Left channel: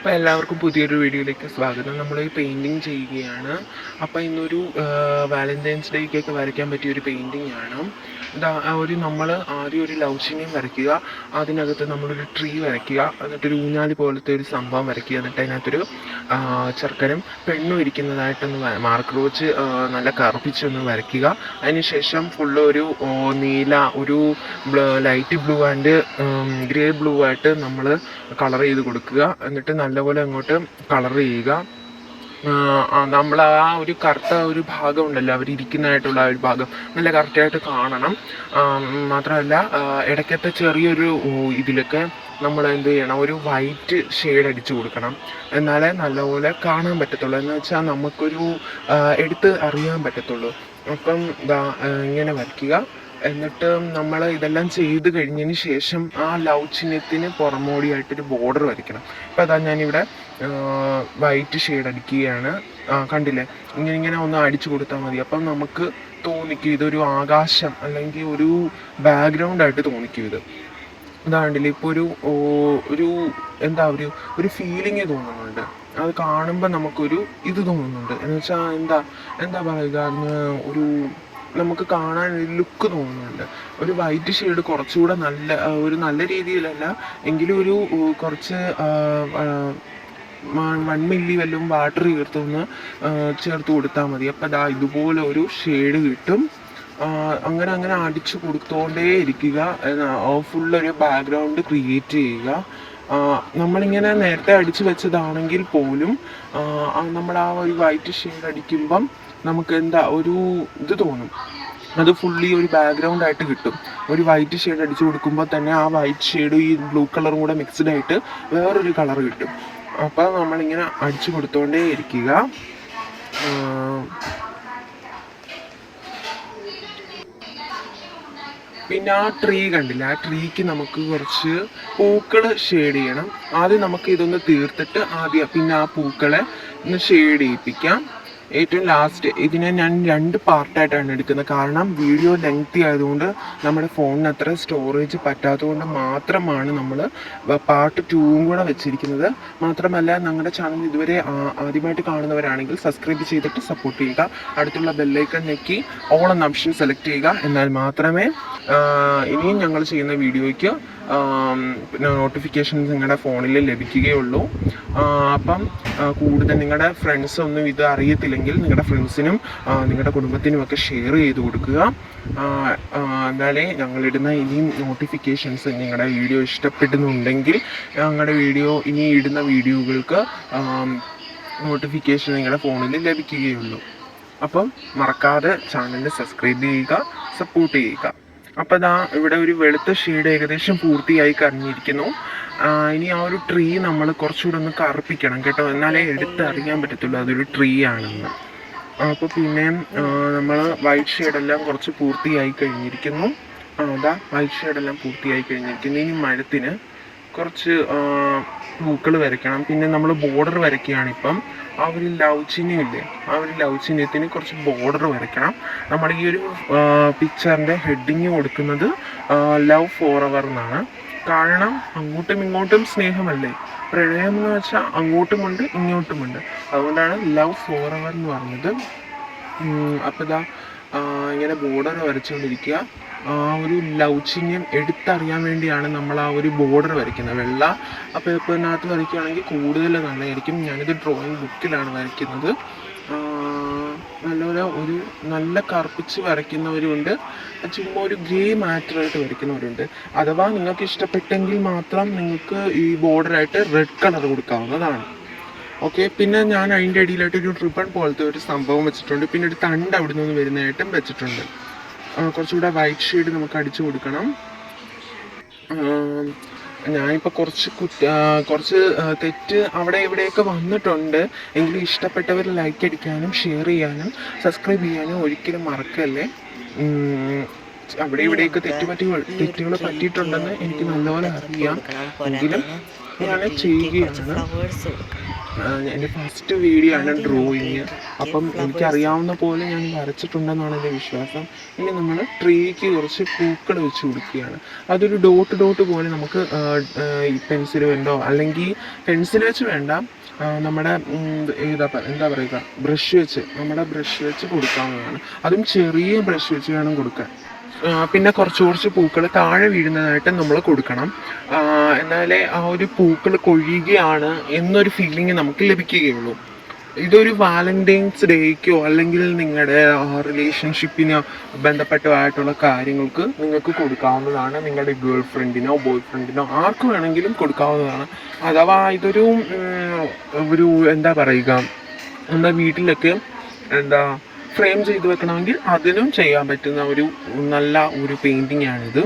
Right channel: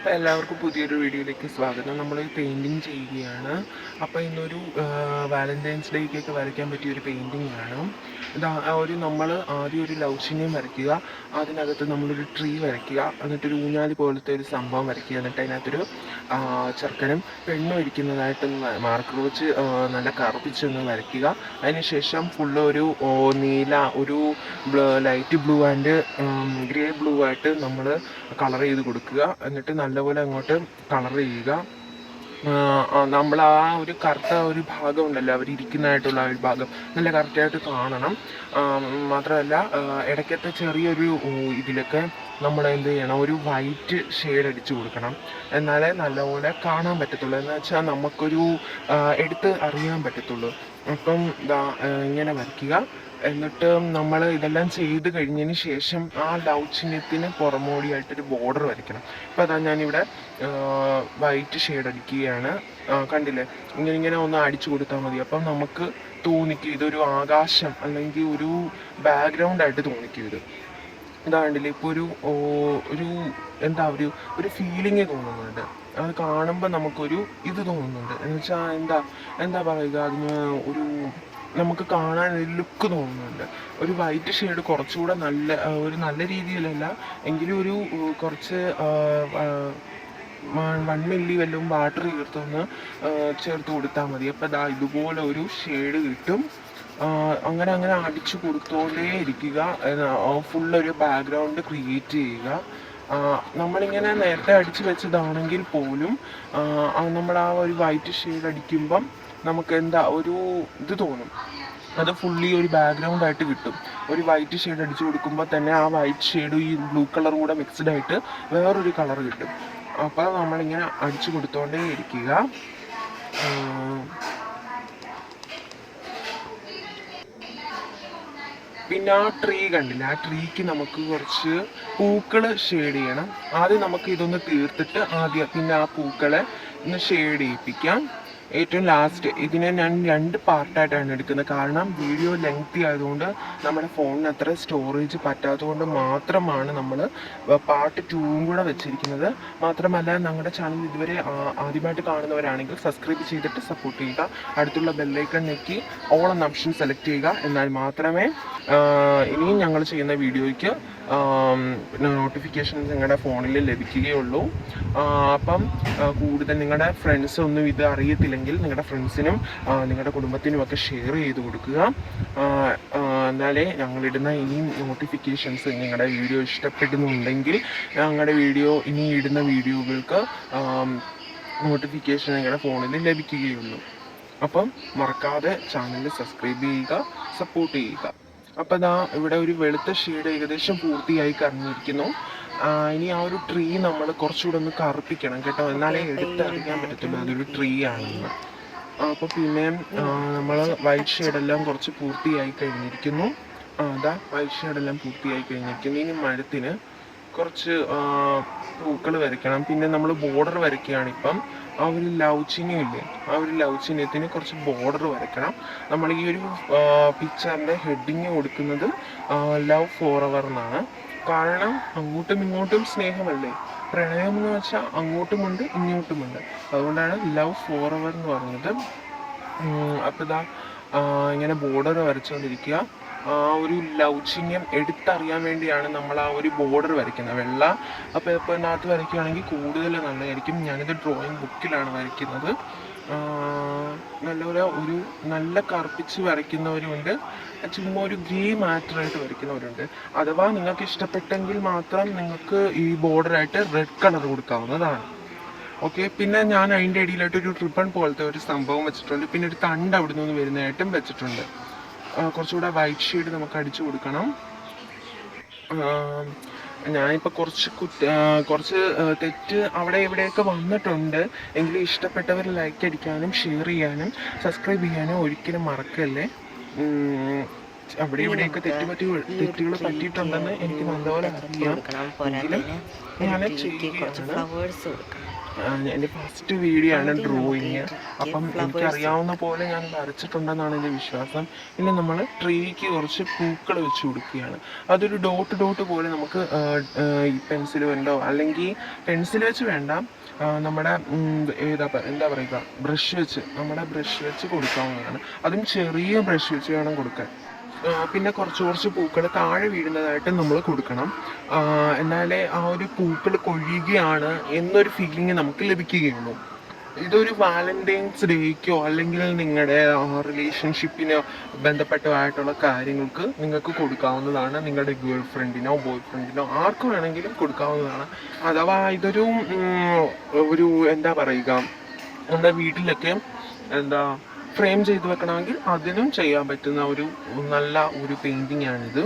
അപ്പോൾ എല്ലാവർക്കും പുതിയൊരു വീഡിയോയിലേക്ക് സ്വാഗതം. നമ്മളൊരു പെയിൻറ്റിങ് ചെയ്യുകയാണ്. അപ്പോൾ ഇന്നൊരു വാലന്റൈൻസ് ഡേക്കൊക്കെ വരയ്ക്കാൻ പറ്റിയൊരു പെയിൻറ്റിങ് ആണ്. നമ്മൾ ആദ്യം ഒരു ലവ് ചിഹ്നം വരയ്ക്കുക, അതിനകത്ത് നമ്മളൊരു ട്രീ വരയ്ക്കുക, എന്നിട്ടൊരു ഊഞ്ഞാലി പോലത്തെ ഒരു സംഭവം വരയ്ക്കുക, എന്നിട്ട് അതിനകത്തൊരു ചെറുക്കനും പെണ്ണും ഇരിക്കുന്നതായിട്ടൊന്ന് മാർക്കർ വെച്ച് നല്ല കറുപ്പിച്ചൊന്ന് വരയ്ക്കുക. അതിനുശേഷം ഫുള്ള് ഒരു നീല, ഒരു light blue and grey blue ആയിട്ട് നമ്മൾ കളർ ചെയ്ത് കൊടുക്കുക. എന്നിട്ട് നല്ലപോലെ അങ്ങോട്ട് കളർ ചെയ്യുക. നമ്മൾ ആ ഒരു കറുത്ത ഒരു ഭാഗം ഉണ്ടല്ലോ, അവരിയ്ക്കുന്നതായിട്ടുള്ള ഒരു ഭാഗം നല്ല കറക്റ്റായിട്ട് കാണണം. മാത്രമല്ല ഇടയ്ക്കത്തെ ചെറിയൊരു ഇതിലൊക്കെ നമ്മൾ എന്ത് ചെയ്യണം, ഒരു വൈറ്റ് ഷെയ്ഡ് അടിച്ചു കൊടുക്കണം. എന്നാലേ നല്ലപോലെ കാണാൻ പറ്റത്തുള്ളൂ, എന്ന് വെച്ചാൽ നമുക്കൊരു എടുത്ത് അറിയാൻ പറ്റത്തുള്ളൂ. അപ്പം ഇങ്ങനെ വരയ്ക്കുക. എന്നിട്ട് നമ്മൾ ഇതെല്ലാം ചെയ്ത് കഴിഞ്ഞതിന് ശേഷം ആ ലവ് ചിഹ്നത്തിന് പുറമോടിയായിട്ടൊരു ബോർഡർ വരയ്ക്കണം. അപ്പോൾ അതാ ഞാനിവിടെ വൈറ്റ് ഷെയ്ഡ് അടിക്കുകയാണ്. കണ്ടില്ലേ, ഇങ്ങനെ ഒന്ന് അടിച്ചു കൊടുത്താൽ മതി. അപ്പം നമുക്ക് തോന്നിക്കും ഇതൊരു ആകാശം അല്ലെങ്കിൽ ഒരു ബാക്ക്ഗ്രൗണ്ടായിട്ട് തോന്നിക്കും. ഇതാണ്ടില്ലേ, ഇപ്പോൾ ഒരു എന്താ ഒരു ഫീലിംഗ് തോന്നുന്നുണ്ട്. അത് കാണുമ്പോൾ നമുക്കൊരു ഇത് തോന്നുന്നുണ്ട്, എന്ന് വെച്ചാൽ എന്താ പറയുക, അതിന് ഒരു നമുക്ക് കാണാൻ ഒരു ലുക്ക് തോന്നുന്നുണ്ട്. ഒരു വൈറ്റ് ഷെയ്ഡ് കുറച്ചുകൂടെ നല്ല രീതിയിലല്ല എങ്കിലും ഒരു കുറച്ച് 1 മില്ലി വല്ലതും വാട്ടർ ചേർത്ത് കൊടുത്താൽ മതി. അപ്പം ഇതുപോലെ ഒരു ഷെയ്ഡ് കിട്ടും. അങ്ങനെ അടിച്ചു കൊടുത്തോണ്ടേ ഇരിക്കുക. ഫുള്ളൊരു ബാക്ക്ഗ്രൗണ്ട് ക്രിയേറ്റ് ചെയ്യുക. നമ്മളിങ്ങനെ നേരത്തെ അടിച്ചു വെച്ചതാണെങ്കിൽ പോലും നമ്മൾ ആ ഒരു വൈറ്റ് ഷെയ്ഡ് അടിക്കുമ്പം നമുക്ക് ഒരു ഇത് തോന്നും. അത് ഫുള്ളി ഒരു ബാക്ക്ഗ്രൗണ്ട് ആയിട്ട് കിട്ടും. ഒരു വൈറ്റ് ഷെയ്ഡ് അടിച്ചു കൊടുക്കുമ്പോൾ തന്നെ ആ വൈറ്റ് ഷെയ്ഡും ഈ ബ്ലൂ കളറും കൂടെ മിക്സ്ഡ് ആയിട്ട് വേറൊരു കളർ കിട്ടും. അപ്പോൾ നമ്മളിങ്ങനെ അടിച്ചു കൊടുത്തോണ്ടേ ഇരിക്കുക. പിന്നെ ആ ട്രീ കണ്ടില്ല, ആ ട്രീക്ക് നമുക്ക് കുറച്ച് പൂക്കൾ ഷെയ്ഡ് ചെയ്യണം. ആദ്യം നമുക്ക് ഇതൊന്ന് തീർത്തിട്ട് പിന്നെ ആ പൂക്കളെ ഒന്ന് ഷെയ്ഡ് ചെയ്യിപ്പിക്കാം. ഏറ്റവും ലാസ്റ്റ് ഇതിനെ ഞാൻ 2 പാർട്ടായിട്ടാണ് എടുക്കുന്നത്. കാരണം വീഡിയോ ലെങ്തി ആയതുകൊണ്ട് നമ്മുടെ ഫോണിന് അത്ര സ്റ്റോറേജ് പറ്റാത്തതുകൊണ്ട് മാത്രമാണ് നമ്മൾ പാർട്ട് 2 കൂടെ വെച്ചിരിക്കുന്നത്. മാത്രമല്ല ഞങ്ങളുടെ ചാനൽ ഇതുവരെ ആദ്യമായിട്ട് കാണുന്നവരാണെങ്കിൽ സബ്സ്ക്രൈബ് ചെയ്തിട്ട് സപ്പോർട്ട് ചെയ്യുക. അടുത്തുള്ള ബെല്ലൈക്കൺ ഞെക്കി ഓൾ എന്ന ഓപ്ഷൻ സെലക്ട് ചെയ്യുക. എന്നാൽ മാത്രമേ ഇനിയും ഞങ്ങൾ ചെയ്യുന്ന വീഡിയോയ്ക്ക് നോട്ടിഫിക്കേഷൻസ് നിങ്ങളുടെ ഫോണിൽ ലഭിക്കുകയുള്ളൂ. അപ്പം കൂടുതൽ നിങ്ങളുടെ ഫ്രണ്ട്സ് ഒന്നും ഇത് അറിയത്തില്ലെങ്കിൽ നിങ്ങളുടെ ഫ്രണ്ട്സിനും നിങ്ങളുടെ കുടുംബത്തിനും ഒക്കെ ഷെയർ ചെയ്ത് കൊടുക്കുക. എന്നാലേ ഞങ്ങളിടുന്ന ഇനിയും നോട്ടിഫിക്കേഷൻസ്, നിങ്ങളുടെ വീഡിയോ ഇഷ്ടപ്പെടുന്നുണ്ടെങ്കിൽ ഞങ്ങളുടെ ഇനി ഇടുന്ന വീഡിയോകൾക്ക് നോട്ടിഫിക്കേഷൻ നിങ്ങളുടെ ഫോണിൽ ലഭിക്കുകയുള്ളൂ. അപ്പം മറക്കാതെ ചാനൽ സബ്സ്ക്രൈബ് ചെയ്യുക, സപ്പോർട്ട് ചെയ്യുക. അപ്പം ഇവിടെ ഒരു വെളുത്ത ഷെയ്ഡ് ഏകദേശം പൂർത്തിയായി കഴിഞ്ഞിരിക്കുന്നു. ഇനി ആ ഒരു ട്രീ നമ്മൾ കുറച്ചുകൂടെ ഒന്ന് കറുപ്പിക്കണം കേട്ടോ, എന്നാലേ എടുത്തറിയാൻ പറ്റത്തുള്ളൂ അതൊരു ട്രീ ആണെന്ന്. അപ്പോൾ പിന്നെ നമ്മൾ വൈറ്റ് ഷെയ്ഡെല്ലാം കുറച്ച് പൂർത്തിയായി കഴിഞ്ഞിരിക്കുന്നു. വൈറ്റ് ഷെയ്ഡെല്ലാം പൂർത്തിയായി കഴിഞ്ഞിരിക്കുന്നു. ഇനി മഴത്തിന് കുറച്ച് പൂക്കൾ വരയ്ക്കണം. പിന്നെ നമ്മൾ ബോർഡർ വരയ്ക്കുകയാണ്. ഇപ്പം ആ ഒരു ലവ് ചിഹ്നമില്ലേ, ആ ഒരു ലവ് ചിഹ്നത്തിന് കുറച്ച് ബോർഡർ വരയ്ക്കണം. നമ്മൾ ഈ ഒരു പിക്ചറിൻ്റെ ഹെഡിങ് കൊടുക്കുന്നത് ലവ് ഫോർ എവർ എന്നാണ്. കാരണം അങ്ങോട്ടും ഇങ്ങോട്ടും സ്നേഹമല്ലേ, പ്രണയം എന്ന് വെച്ചാൽ അങ്ങോട്ടുമുണ്ട് ഇങ്ങോട്ടുമുണ്ട്. അതുകൊണ്ടാണ് ലവ് ഫോർ എവർ എന്ന് പറഞ്ഞത്. അപ്പോൾ ഇങ്ങനെ ബോർഡർ വരച്ചുകൊണ്ടിരിക്കുക. ആ ഒരു ലവ് ചിഹ്നം എടുത്തറിയാൻ വേണ്ടിയാണ് നമ്മൾ ആ ഒരു ബോർഡർ വരയ്ക്കുന്നത്. വെള്ള പേപ്പറിനകത്ത് വരയ്ക്കുകയാണെങ്കിൽ കൂടുതൽ നന്നായിരിക്കും. ഞാനിത് ഡ്രോയിങ് ബുക്കിലാണ് വരയ്ക്കുന്നത്. ഒരു നല്ല കറുപ്പിച്ച് വരയ്ക്കുന്നവരുണ്ട്, ചുമ്മാ ഒരു ഗ്രേ മാറ്ററായിട്ട് വരയ്ക്കുന്നവരുണ്ട്. അഥവാ നിങ്ങൾക്ക് ഇഷ്ടപ്പെട്ടെങ്കിൽ മാത്രം നിങ്ങൾക്ക് ഈ ബോർഡറായിട്ട് റെഡ് കളർ കൊടുക്കാവുന്നതാണ്. ഓക്കെ, പിന്നെ ഞാൻ അതിൻ്റെ ഇടയിലായിട്ട് ഒരു റിബൺ പോലത്തെ ഒരു സംഭവം വെച്ചിട്ടുണ്ട്. പിന്നെ ഒരു തണ്ട് അവിടെ നിന്ന് വരുന്നതായിട്ടും വെച്ചിട്ടുണ്ട്. കുറച്ചുകൂടെ വൈറ്റ് ഷെയ്ഡ് നമുക്ക് അടിച്ചു കൊടുക്കണം. ഞാനിപ്പോൾ കുറച്ച് തെറ്റ് അവിടെ ഇവിടെയൊക്കെ വന്നിട്ടുണ്ട്. എങ്കിലും ഇഷ്ടപ്പെട്ടവർ ലൈക്ക് അടിക്കാനും ഷെയർ ചെയ്യാനും സബ്സ്ക്രൈബ് ചെയ്യാനും ഒരിക്കലും മറക്കല്ലേ. അവിടെ ഇവിടെയൊക്കെ തെറ്റുകൾ പറ്റിയിട്ടുണ്ടെന്ന് എനിക്ക് നല്ലപോലെ അറിയാം. എങ്കിലും ഞാൻ ചെയ്യുകയാണ്. എൻ്റെ ഫസ്റ്റ് വീഡിയോ ആണ് ഡ്രോയിങ്. അപ്പം എനിക്കറിയാവുന്ന പോലെ ഞാൻ വരച്ചിട്ടുണ്ടെന്നാണ് എൻ്റെ വിശ്വാസം. ഇനി നമ്മൾ ട്രീക്ക് കുറച്ച് പൂക്കൾ വെച്ച് കൊടുക്കുകയാണ്. അതൊരു ഡോട്ട് ഡോട്ട് പോലെ നമുക്ക് പെൻസിൽ കൊണ്ടോ അല്ലെങ്കിൽ പെൻസിൽ വെച്ച് വേണ്ട, നമ്മുടെ എന്താ പറയുക, ബ്രഷ് വെച്ച്, നമ്മുടെ ബ്രഷ് വെച്ച് കൊടുക്കാവുന്നതാണ്. അതും ചെറിയ ബ്രഷ് വെച്ച് വേണം കൊടുക്കാൻ. പിന്നെ കുറച്ച് പൂക്കൾ താഴെ വീഴുന്നതായിട്ട് നമ്മൾ കൊടുക്കണം. എന്നാലേ ആ ഒരു പൂക്കൾ കൊഴിയുകയാണ് എന്നൊരു ഫീലിംഗ് നമുക്ക് ലഭിക്കുകയുള്ളൂ. ഇതൊരു വാലന്റൈൻസ് ഡേക്കോ അല്ലെങ്കിൽ നിങ്ങളുടെ റിലേഷൻഷിപ്പിനോ ബന്ധപ്പെട്ടതായിട്ടുള്ള കാര്യങ്ങൾക്ക് നിങ്ങൾക്ക് കൊടുക്കാവുന്നതാണ്. നിങ്ങളുടെ ഗേൾ ഫ്രണ്ടിനോ ബോയ് ഫ്രണ്ടിനോ ആർക്ക് വേണമെങ്കിലും കൊടുക്കാവുന്നതാണ്. അഥവാ ഇതൊരു എന്താ പറയുക, നമ്മുടെ വീട്ടിലൊക്കെ ഫ്രെയിം ചെയ്ത് വെക്കണമെങ്കിൽ അതിനും ചെയ്യാൻ പറ്റുന്ന ഒരു നല്ല ഒരു പെയിൻറ്റിംഗ് ആണിത്.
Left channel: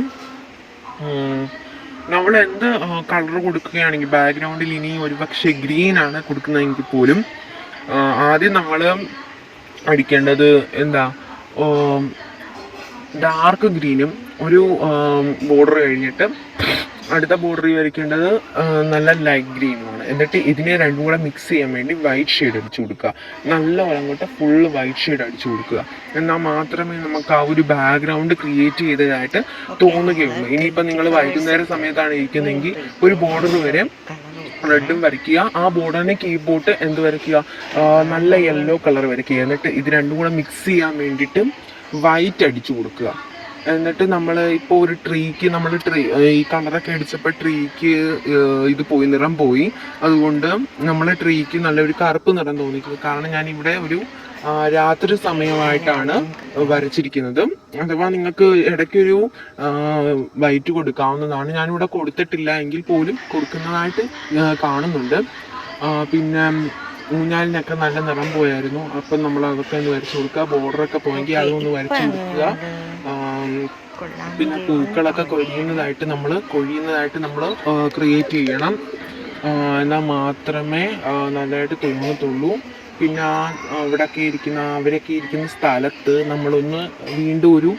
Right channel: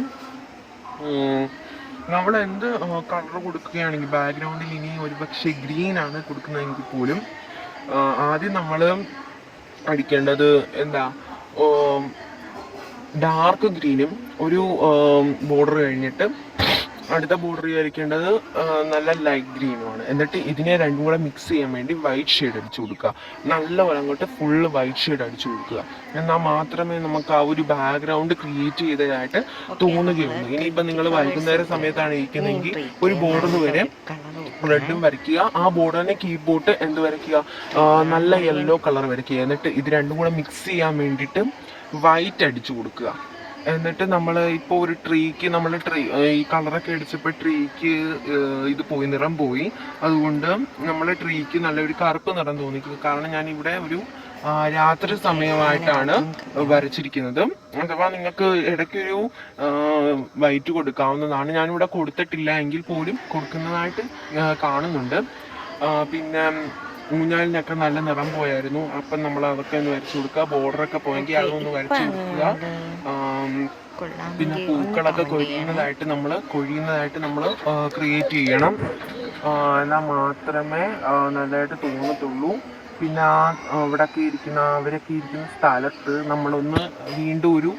നമ്മൾ എന്ത് കളർ കൊടുക്കുകയാണെങ്കിൽ ബാക്ക്ഗ്രൗണ്ടിൽ ഇനി ഒരുപക്ഷെ ഗ്രീൻ ആണ് കൊടുക്കുന്നതെങ്കിൽ പോലും ആദ്യം നമ്മൾ അടിക്കേണ്ടത് ഡാർക്ക് ഗ്രീനും ഒരു ബോർഡർ കഴിഞ്ഞിട്ട് അടുത്ത ബോർഡർ വരയ്ക്കേണ്ടത് നല്ല ലൈറ്റ് ഗ്രീനുമാണ്. എന്നിട്ട് ഇതിനെ രണ്ടും കൂടെ മിക്സ് ചെയ്യാൻ വേണ്ടി വൈറ്റ് ഷെയ്ഡ് അടിച്ചു കൊടുക്കുക. നല്ലപോലെ അങ്ങോട്ട് ഫുള്ള് വൈറ്റ് ഷെയ്ഡ് അടിച്ചു കൊടുക്കുക. എന്നാൽ മാത്രമേ നമുക്ക് ആ ഒരു ബാക്ക്ഗ്രൗണ്ട് ക്രിയേറ്റ് ചെയ്തതായിട്ട് തോന്നുകയുള്ളൂ. ഇനിയിപ്പോൾ നിങ്ങൾ വൈകുന്നേര സമയത്താണ് ഇരിക്കുന്നതെങ്കിൽ ഒരു ബോർഡർ വരെ റെഡും വരയ്ക്കുക. ആ ബോർഡറിന് കീബോർഡ് എന്ത് വരയ്ക്കുക, നല്ല യെല്ലോ കളർ വരയ്ക്കുക. എന്നിട്ട് ഇത് രണ്ടും കൂടെ മിക്സ് ചെയ്യാൻ വേണ്ടിയിട്ട് വൈറ്റ് അടിച്ചു കൊടുക്കുക. എന്നിട്ട് നമ്മൾ ഇപ്പോൾ ഒരു ട്രീക്ക് ഈ കളറൊക്കെ അടിച്ചപ്പോൾ ട്രീക്ക് ഇത് പോയി, നിറം പോയി. അതുകൊണ്ട് നമ്മൾ ട്രീക്ക് നല്ലൊരു കറുപ്പ് നിറം തോന്നിക്കുന്നു. കാരണം ഞാനിവിടെ ഒരു രാത്രി സമയമായിട്ടാണ് വരച്ചിരിക്കുന്നത്. അഥവാ നിങ്ങൾക്ക് ഇടയ്ക്കൊരു വൈറ്റ് കൊടുക്കാവുന്നതാണ്. ഞാനിവിടെ കൊടുത്തിട്ടില്ല എങ്കിൽ പോലും കൊടുക്കുന്നതായിട്ട് കാണുന്നുണ്ട്. പിന്നെ ഊഞ്ഞാലിനൊക്കെ നല്ല നിറം പോയായിരുന്നു. അപ്പം നമ്മൾ അതൊക്കെ ഒന്ന് വരച്ചു കൊടുക്കുക. ബോർഡറൊക്കെ പോയെങ്കിൽ അതൊന്ന് വരച്ചു കൊടുക്കുക. പിന്നെ പൂക്കളൊക്കെ കൊഴിയുന്നതായിട്ട് നമ്മൾ ക്രിയേറ്റ് ചെയ്യണം. എന്നാൽ മാത്രമേ നല്ലതായിട്ട് തോന്നത്തുള്ളൂ. പിന്നെ അവരൊക്കെ ഇരിക്കുന്ന സ്ഥലത്ത് നമ്മളൊന്ന് വീണ്ടും ഒരു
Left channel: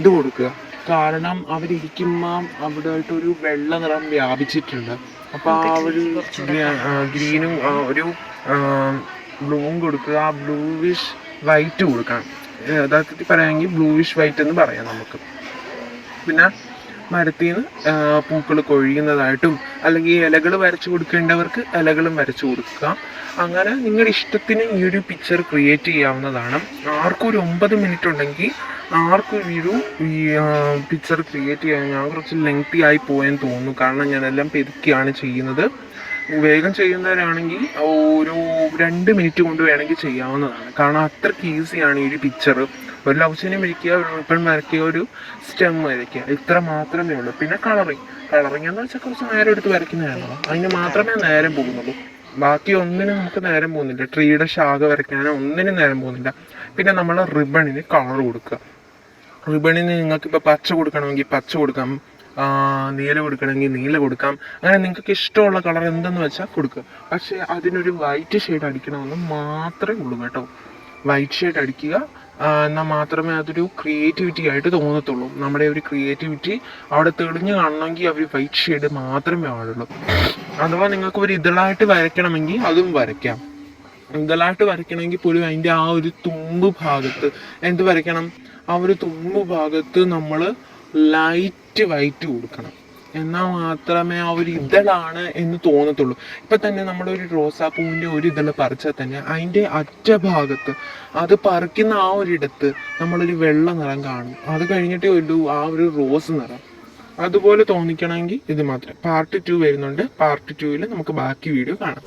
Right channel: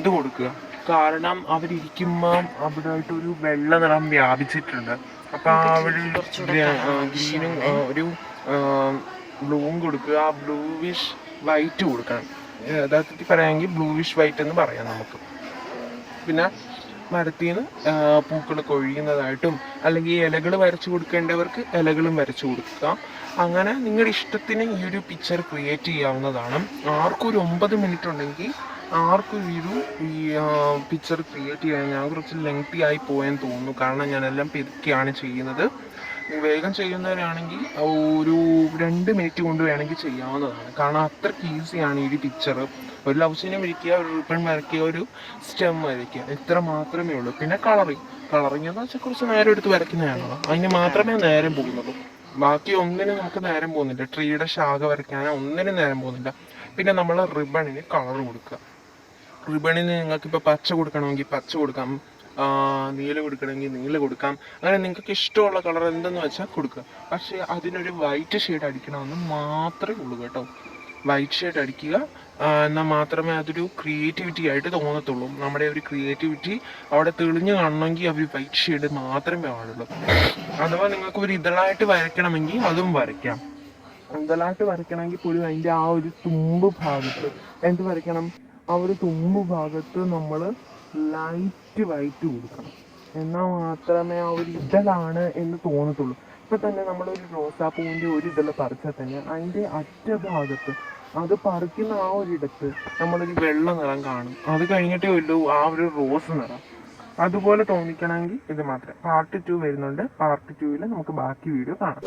ഇത് കൊടുക്കുക. കാരണം അവരിയ്ക്കുമ്പോൾ അവിടെ ആയിട്ടൊരു വെള്ള നിറം വ്യാപിച്ചിട്ടുണ്ട്. അപ്പം ആ ഒരു ഗ്രീനും ഒരു ബ്ലൂവും കൊടുക്കുക. ബ്ലൂവിഷ് വൈറ്റ് കൊടുക്കണം. യഥാർത്ഥത്തിൽ പറയുകയാണെങ്കിൽ ബ്ലൂവിഷ് വൈറ്റ് എന്ന് പറയാം നമുക്ക്. പിന്നെ മരത്തിൽ നിന്ന് പൂക്കൾ കൊഴിയുന്നതായിട്ടും അല്ലെങ്കിൽ ഇലകൾ വരച്ചു കൊടുക്കേണ്ടവർക്ക് ഇലകളും വരച്ചു കൊടുക്കുക. അങ്ങനെ നിങ്ങളുടെ ഇഷ്ടത്തിന് ഈ ഒരു പിക്ചർ ക്രിയേറ്റ് ചെയ്യാവുന്നതാണ്. ആർക്കും ഒരു 9 മിനിറ്റ് ഉണ്ടെങ്കിൽ ആർക്കും ഈ പിക്ചർ ക്രിയേറ്റ് ചെയ്യാൻ ഞാൻ കുറച്ച് ലെങ്തി ആയി പോയെന്ന് തോന്നുന്നു. കാരണം ഞാനെല്ലാം പെതുക്കിയാണ് ചെയ്യുന്നത്. വേഗം ചെയ്യുന്നവരാണെങ്കിൽ ഒരു 2 മിനിറ്റ് കൊണ്ട് വേണമെങ്കിൽ ചെയ്യാവുന്നതാണ്. കാരണം അത്രയ്ക്ക് ഈസിയാണ് ഈ ഒരു പിക്ചർ. ഒരു ലവ് സീനും വരയ്ക്കുക, ഒരു റിബൺ വരയ്ക്കുക, ഒരു സ്റ്റെം വരയ്ക്കുക, ഇത്ര മാത്രമേ ഉള്ളൂ. പിന്നെ കളറിങ് എന്ന് വെച്ചാൽ കുറച്ച് നേരം എടുത്ത് വരയ്ക്കുന്നതാണല്ലോ, അതിന് മാത്രമേ നേരം പോകുന്നുള്ളൂ. ബാക്കി ഒന്നിനും നമുക്ക് നേരം പോകുന്നില്ല. ട്രീയുടെ ശാഖ വരയ്ക്കാനോ ഒന്നിനും നേരം പോകുന്നില്ല. പിന്നെ നമ്മൾ റിബണിന് കളർ കൊടുക്കുക. റിബണിന് നിങ്ങൾക്കിപ്പോൾ പച്ച കൊടുക്കണമെങ്കിൽ പച്ച കൊടുക്കാം, നീല കൊടുക്കണമെങ്കിൽ നീല കൊടുക്കാം. അങ്ങനെ നിങ്ങൾക്ക് ഇഷ്ടമുള്ള കളർ എന്തെന്ന് വെച്ചാൽ കൊടുക്കുക. പക്ഷേ അതിനൊരു വൈറ്റ് ഷെയ്ഡ് അടിക്കണമെന്ന് മാത്രമേ ഉള്ളൂ കേട്ടോ. വൈറ്റ് ഷെയ്ഡ് അടിക്കുക. എന്നാൽ മാത്രമേ അതൊരു ക്രിയേറ്റിവിറ്റി ആയിട്ട് തോന്നത്തുള്ളൂ. നമ്മുടെ ഒരു ക്രിയേറ്റിവിറ്റി അവിടെ തെളിഞ്ഞ് കാണണമെങ്കിൽ അവർ വൈറ്റ് ഷെയ്ഡ് മാത്രമേ പാടുള്ളൂ. അഥവാ നിങ്ങൾക്ക് ഒരു ഇതളായിട്ട് വരയ്ക്കണമെങ്കിൽ അതും വരയ്ക്കാം. ഇതളായിട്ട് വരയ്ക്കണമെങ്കിൽ പോലും അതിൻ്റെ ആ ഒരു തുമ്പ് ഭാഗത്ത് എന്ത് വരയ്ക്കണം, ആ ഒരു തുമ്പ് ഭാഗത്ത് നമ്മൾ ലൈറ്റ് വൈറ്റ് കൊടുക്കണം. എന്നാൽ മാത്രമേ ആ ഒരു ഇതളാണ് എന്ന് തോന്നത്തുള്ളൂ. ഇപ്പം തന്നെ നമ്മളൊരു റോസാപ്പൂവിൻ്റെ ഒരു ഇതൾ പറിച്ചാൽ തന്നെ അതിൻ്റെ അറ്റഭാഗത്ത് അത് പറിക്കുന്ന ആ ഒരിടത്ത് നമ്മളൊരു വെള്ള നിറം കാണും. അത് കഴിഞ്ഞിട്ടേ ഉള്ളൂ ആ ഒരു റോസ് നിറം. അതുപോലെ തോന്നിക്കണമെങ്കിൽ ഇത് മാത്രം. പാർട്ട് 2 വരുന്നുണ്ട്. പാർട്ട് 2 നമുക്ക് ബാക്കി വീഡിയോ കാണാം.